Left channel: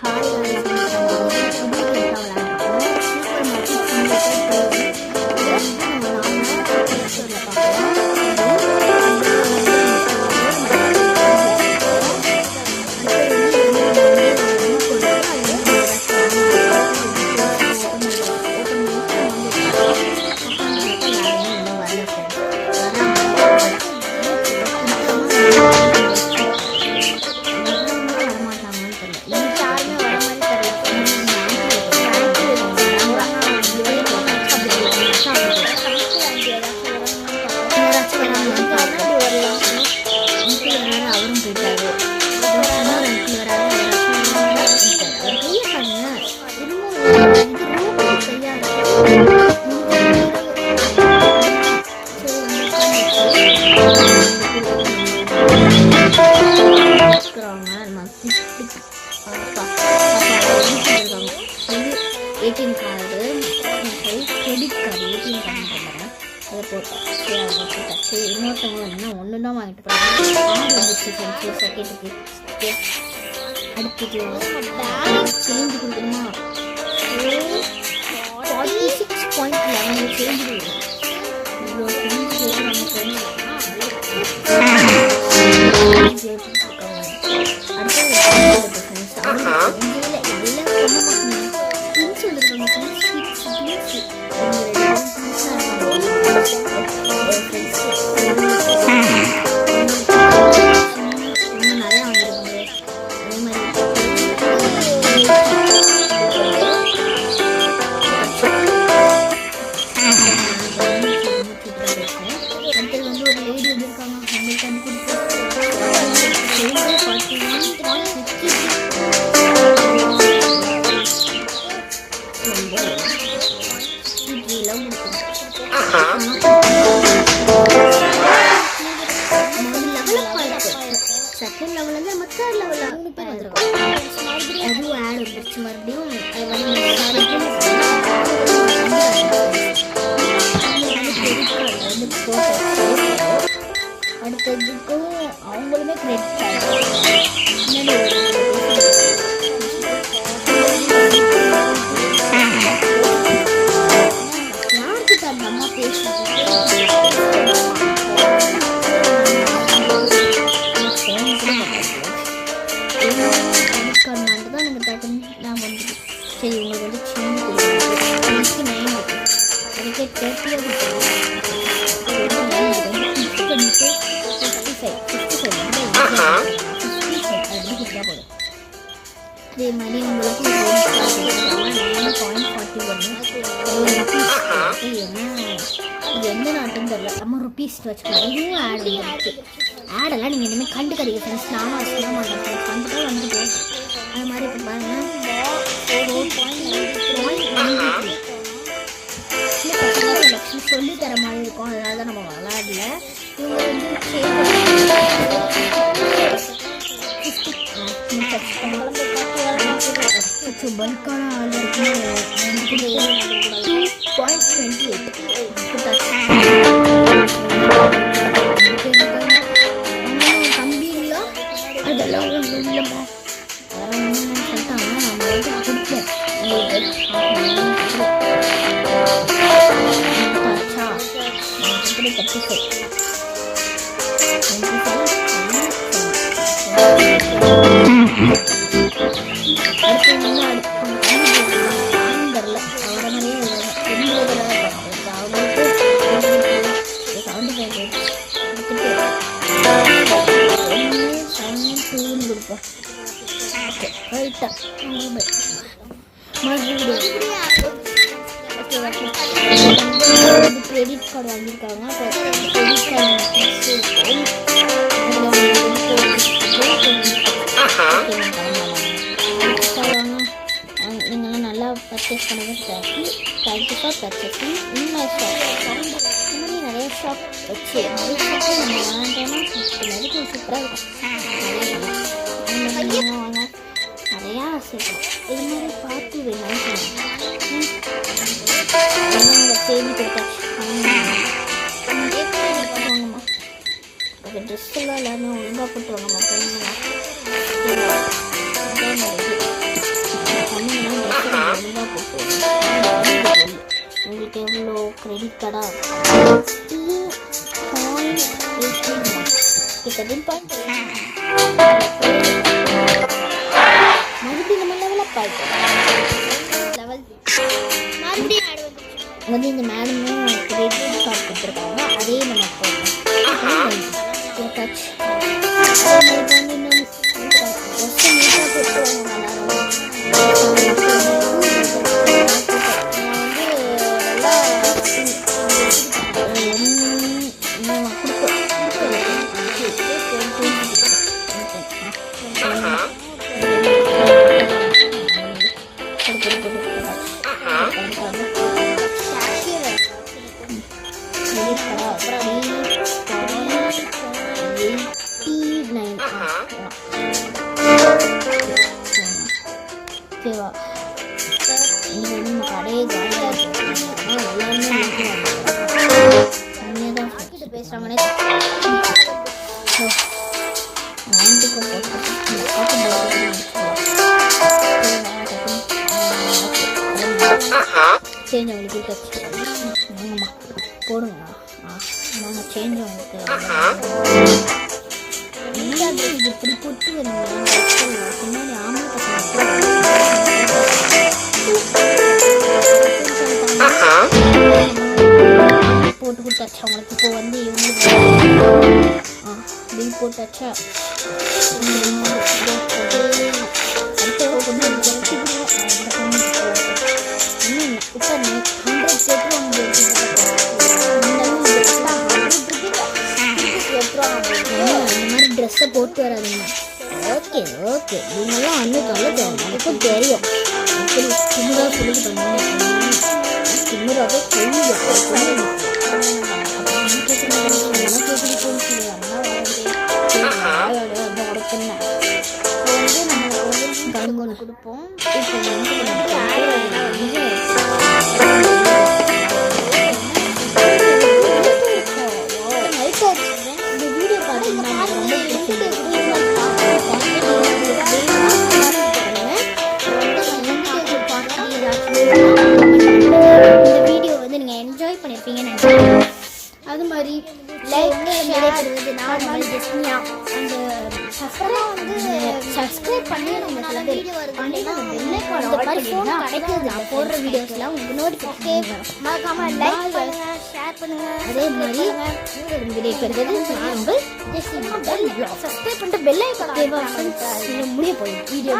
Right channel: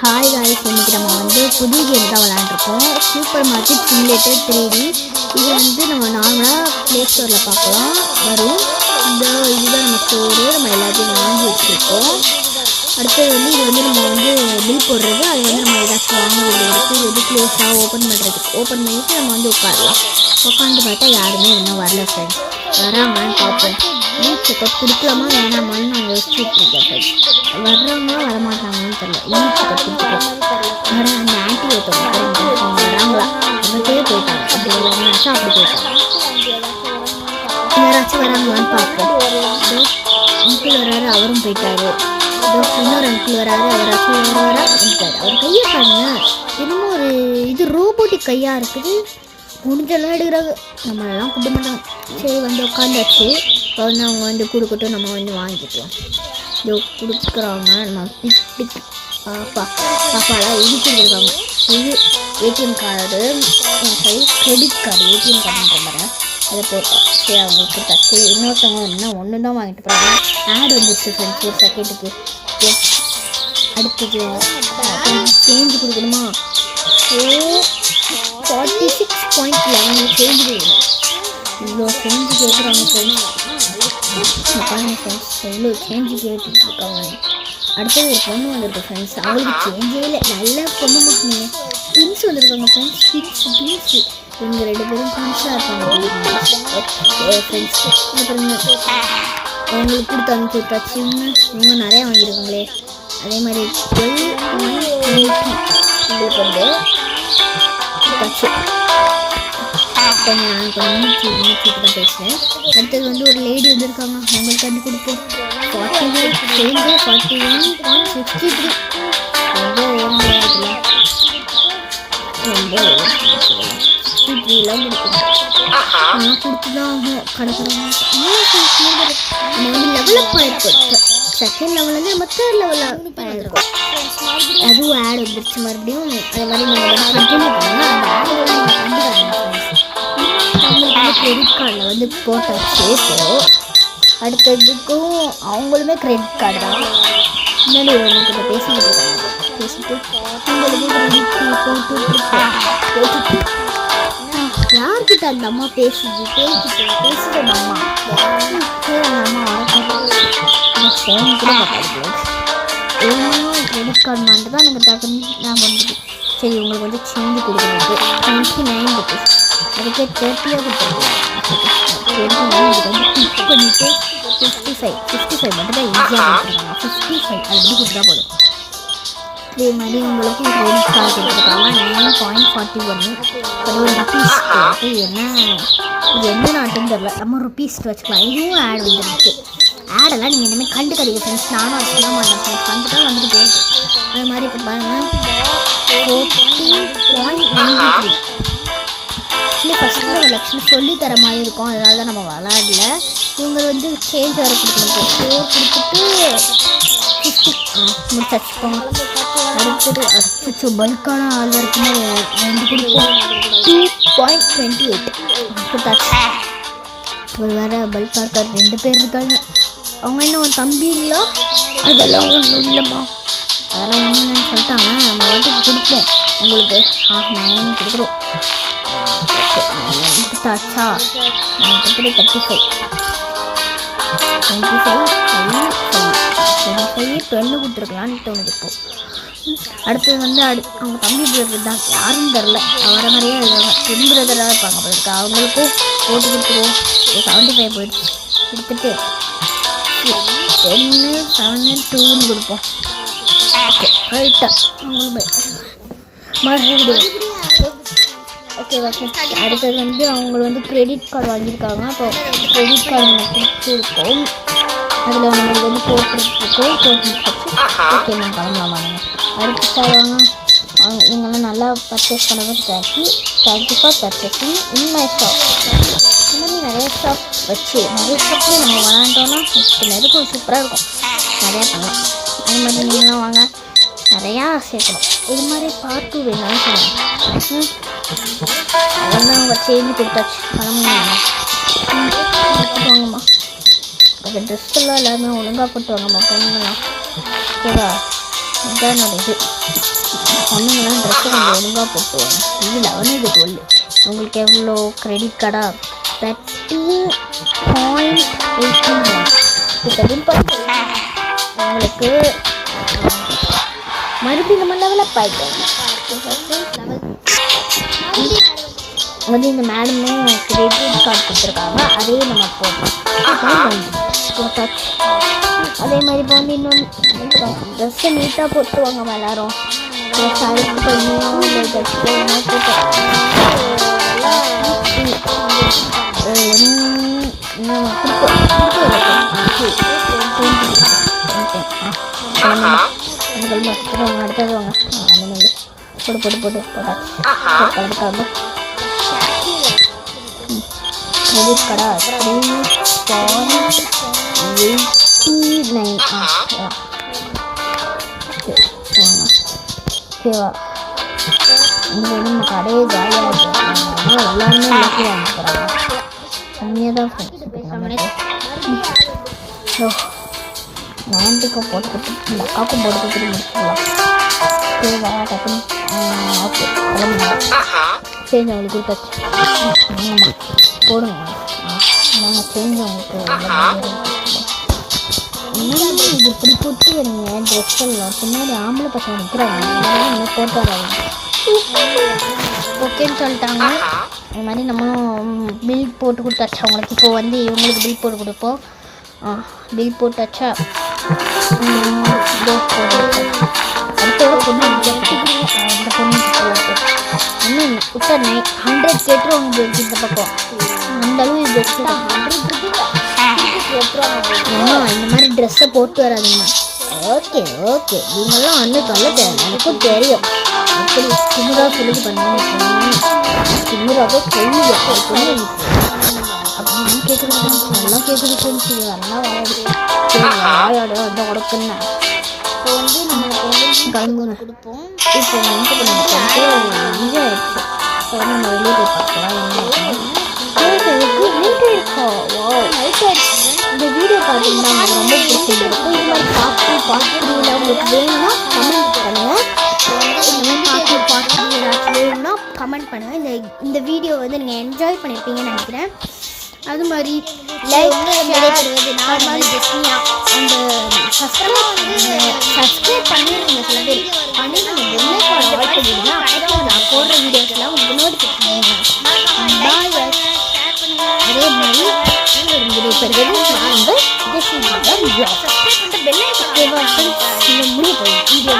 Hi guys, இன்னைக்கு நம்ம புது கேம் தான் விளையாண்டுருக்கோம். Super market simulator 3D. இதை நம்ம நார்மலாக ப்ளே ஸ்டோரில் பார்க்கலாம். வரும் இந்த இதுதான் நம்ம ஸ்டோரு. நம்ம எல்லாத்தையும் வாங்கி வச்சுருக்கோம். அடுத்தது இது நம்ம பில் போடுறது. அது நம்ம ஏதாச்சும் வாங்கி இது க்ளோஸாக ஓப்பன் பண்ணிட்டு நம்ம உட்காரலாம். உட்காந்து பார்த்தா யாருமே இன்னும் வரல ஃப்ரெண்ட்ஸ். வராங்கன்னு பார்ப்போம். கொடுக்கலாமா நம்ம வச்சுருக்கோம். வர்றவங்களாம் வரமாட்டாங்கன்னு தெரியல. யாராச்சும் வராங்களான்னு பார்ப்போம். அங்கிள் வராரு, அவரும் போயிட்டாரு. இன்னொரு அங்கிள் வராரு, அவராச்சும் வந்துட்டாரு. அவர் கையை பாருங்க, இன்னும் ஒரு இது ரோபோட்டிக் கையா இருக்குது. முடிஞ்ச சரி உட்காந்தாச்சு. கொடுத்துட்டு நம்ம வச்சுக்கிறாங்க. பாப்பாலாம் எழுதிட்டுருக்காங்க. இது ஏடிஎம் கார்டு, என் கை கிரெடிட் கார்டு, ஏடிஎம் கார்டுன்ற மாதிரி அதை போட்டேன். சரி அவங்களுக்கு டச்சு. இன்னொருத்தவங்க என்ன ஒன்று தான் வாங்கிட்டு போகிறாங்க. ஆட் வந்துடுச்சு ஃப்ரெண்ட்ஸ் ஒரு செகண்டுக்கு. அடுத்தது சேஞ்சு கொடுக்கணுமா? 46.11 சேஞ்சு கொடுக்கணும். இவ்வளோ சேஞ்சு கேட்குறாங்க ஃப்ரெண்ட்ஸ். அடுத்தது ஒரு பொண்ணு வந்துருக்கு ஃப்ரெண்ட்ஸ். அவங்களுக்கு சேஞ்சே நல்ல பொண்ணு மக்கள் ட்வின்ஸ் வந்துருக்காங்க ஃப்ரெண்ட்ஸ். ட்வின்ஸு இவங்க 2 பேரும் ட்வின்ஸாக இருக்காங்க ஃப்ரெண்ட்ஸ். அவங்களுக்கு இன்னும் நிறையா வாங்கியிருக்காங்களே. அதே மாதிரி பேசுவேன். அடுத்தது ஒரு லேடி வந்துருக்காங்க. அவங்களுக்கு வந்து கொடுப்போம். 41.53 ரொம்ப இப்படிலாம் கொடுக்கணும். லெவலப் ஆயிருக்கு. செகண்ட் லெவல்லேருந்து நம்ம தேர்ட் லெவலில் ஆயிருக்கோம். அதுவும் ஆட் வந்துருச்சு மறுபடியும். அது மாதிரி கிரெடிட் கார்டில் வந்து போட்டாச்சு. அடுத்ததுக்கும் அவங்களுமே கிரெடிட் கார்டு தான். முன்னாடி யார்கிட்ட அந்த அம்மா பேசுது ஃபோன் கூட பார்த்தாங்க. கிரெடிட் கார்டு மட்டும் தான் எனக்கு டக்குன்னு நான் வந்துட்டு சரி உங்களுக்கு வந்து சேஞ்சு கொடுக்குறது 29 அதுக்கே 30 கொடுத்துருவோம். ஃபிக்ஸ் பண்ணிவிட்டு 55 மட்டும் தான் ஈஸியாக 55 அது எப்படி கொடுத்தா போதும். இதே மாதிரி உங்களுக்கு கிரெடிட் கார்டு கொடுத்துருக்காங்க. 9.41 ருபீஸ். இது என்ன நாட்டுன்னு தெரியல. நம்ம ருபீஸ் வச்சுக்கலாம். இதுவும் ஆட் வந்துருச்சு. ஆடெல்லாம் நீங்கள் இனிமேல் கண்டுக்கடிங்க ஃப்ரெண்ட்ஸ். நானும் வச்சுக்க மாட்டேன் ஃப்ரெண்ட்ஸ். கண்டுட்டா வந்துட்டு போகுது. அது மாதிரி இப்போ பாருங்கள் 14.93 ஃபஸ்ட்டு எலெக்ஷன் சொல்லித்தர மாதிரி இருக்கும். அதனால தான் நம்ம விளாடல. இவங்க வந்து சேஞ்ச் முடிச்சு பல்கான ஆள் இருக்குமே 2.28 2 பேர் இருக்காங்க. அவங்க இன்னும் ஒரு தம்பி இல்லை. அதெல்லாம் ஒன்றும் இல்லைம்மா. அதெல்லாம் ஒன்றுன்னு சொல்லிட்டாங்க. நம்ம வந்து கொடுப்போம் உங்களுக்கு. கொடுக்குறோம். அடுத்து வந்து அவங்க தம்பி தான் யாரும் தெரில. வர மாதிரியே இருந்துறதெல்லாம் இருப்பாங்க. அப்போ அவங்களுக்கு ஓட்டு கொடுத்துருவோம். 75 போயிடுச்சு. கொடுத்துட்டு 7.2 கொடுப்போம். ஓகே ரைட்டா மறுபடியும் ஓகே ஓகே. அடுத்தது வந்து அவங்க வந்து கிரெடிட் கார்டு வாங்கியிருக்காங்க. அப்போ கிரெடிட் கார்டு நமக்கு இருக்கும். அதில் அவங்களுக்கு வந்து போட்டுருக்கோம். ஓகே நான் கிளம்பலாமாங்க. அடுத்து தருவாங்க. நீங்கள்லாம் நல்லா பர்ச்சேஸ் பண்ணுறது thank you for purchasing in my shop. இந்த மாதிரி நிறைய ஷாப் வச்சு நிறைய ஷாப்பில் நம்ம விளாண்டோன்னா நெருக்கம் சூப்பராக இருக்கும். நிறையா பண்ணலாம். அது மாதிரி நீங்களாம் வாங்க. நிறையா சேர்க்கணும். இது மாதிரி பார்த்து வேணாலும் சொல்லுங்கள். அதெல்லாம் அவங்க சேஞ்ச் கொடுத்தாச்சு. வாங்கம்மா. அது ட்ரெஸ்ஸெல்லாம் எல்லாருமே ஒழுங்காக போட்டு வாங்கம்மா. பொண்ணுங்கம்மா சரியா? இதுதான் இது சொன்னீங்கன்னா ட்ரெஸ்ஸை கொஞ்சம் ஒழுங்காக போட்டு வாங்க. இது 12 உங்களுக்கு எவ்வளோ கிரெடிட் கார்டாக 16.18 உங்களுக்கு மறுபடியும் நம்ம லெவலப் ஆகிட்டோம். வந்து இந்த மேடமும் கிரெடிட் கார்டு கொடுத்துருக்காங்க, அதே நம்ம போட்டோம் போட்டாச்சு. அதே மாதிரி இப்போ வந்து இன்னும் ட்ரெஸ்ஸை நீட்டாக போட்டுருவாங்க எல்லாரும். போட்டு கிரெடிட் கார்டா 3.89 ஓகேவா. இந்த நம்ம கடையே ஜாலியாக இருக்கும், எல்லாருமே எல்லாத்தையும் வாங்க போகிறாங்க. கம்மியாக தான் பேசுகிறாங்களே. நைன்ட்டுக்கு போட்டுக்கிட்டு இந்த அக்காவுக்கும் போட்டுக்கிட்டு முடிச்சுக்கலாம். ஓகேவா டக்குன்னு ஓகே சேஞ்ச் அவங்களுக்கு கொடுத்தாச்சு. ஆமாம் போடுங்க, நாங்கள் சேஞ்ச் அவங்களுக்கு இது இப்படி போட்டு வருங்க. ட்ரெஸ்ஸெல்லாம் பின்னாடி ஆம்பளை பசங்க நிற்கிறாங்க, போட்டோ ஓகேன்னு சொல்லிட்டாங்க. நம்ம பில் போட்டு கொடுத்தாச்சா அவங்களுக்கு. இப்போ வந்து இவங்களுக்கு பில் போட்டாச்சா. அடுத்த ஒரு பொண்ணு அந்த பொண்ணு இன்னும் இப்போ 100 கேட்டுருவாங்க இந்த பக்கம். அந்த அளவு பெஸ்ட்டாக 100 கேட்டுருவாங்க. இந்த மாதிரி ட்ரெஸ்ஸை போட்டு வராதுங்கண்ணா. ஓகே ஓகே நீங்கள்லாம் அன்னைக்கு அல்லது எனக்கும் தெரியும் எப்படி திமுறாக சொல்லிட்டு பண்ணுங்க. திமுறாக சொல்லி அப்படின்னு கேட்குறேன். நல்லா கேட்குறது சொல்லிச்சு நல்லா வாயாடு அந்த உடக்குன்னு இப்போ வந்து நம்மளுக்கு வந்து கலந்து கொடுப்போம். இப்போ வந்து இந்த வீடியோ பார்த்தீங்கன்னா எனக்கு ரொம்ப பிடிச்சிருக்கு. இது மாதிரி பார்த்து உங்களுக்கு வேணும்னா கமெண்ட் பண்ணுங்கள். கமெண்ட் பண்ணுங்கள். இந்த வீடியோ வந்து நீங்கள் என்ஜாய் பண்ணியிருப்பீங்கன்னு நினைக்கிறேன். அது மாதிரி லைக் விடைபெறுவது நான் ஜெஸ்மியா. அந்த சப்ஸ்கிரைப் பண்ணி நீங்கள் சில பேர் பண்ணி நீங்கள் நான் போடுற வீடியோஸ்லாம் உங்களுக்கு நோட்டிஃபிகேஷன். அதே மாதிரி விடைபெறுவது நான் ஜெஸ்மியா. சப்ஸ்கிரைப் பண்ணிட்டு பெல்லை முடிய போய் வீடியோ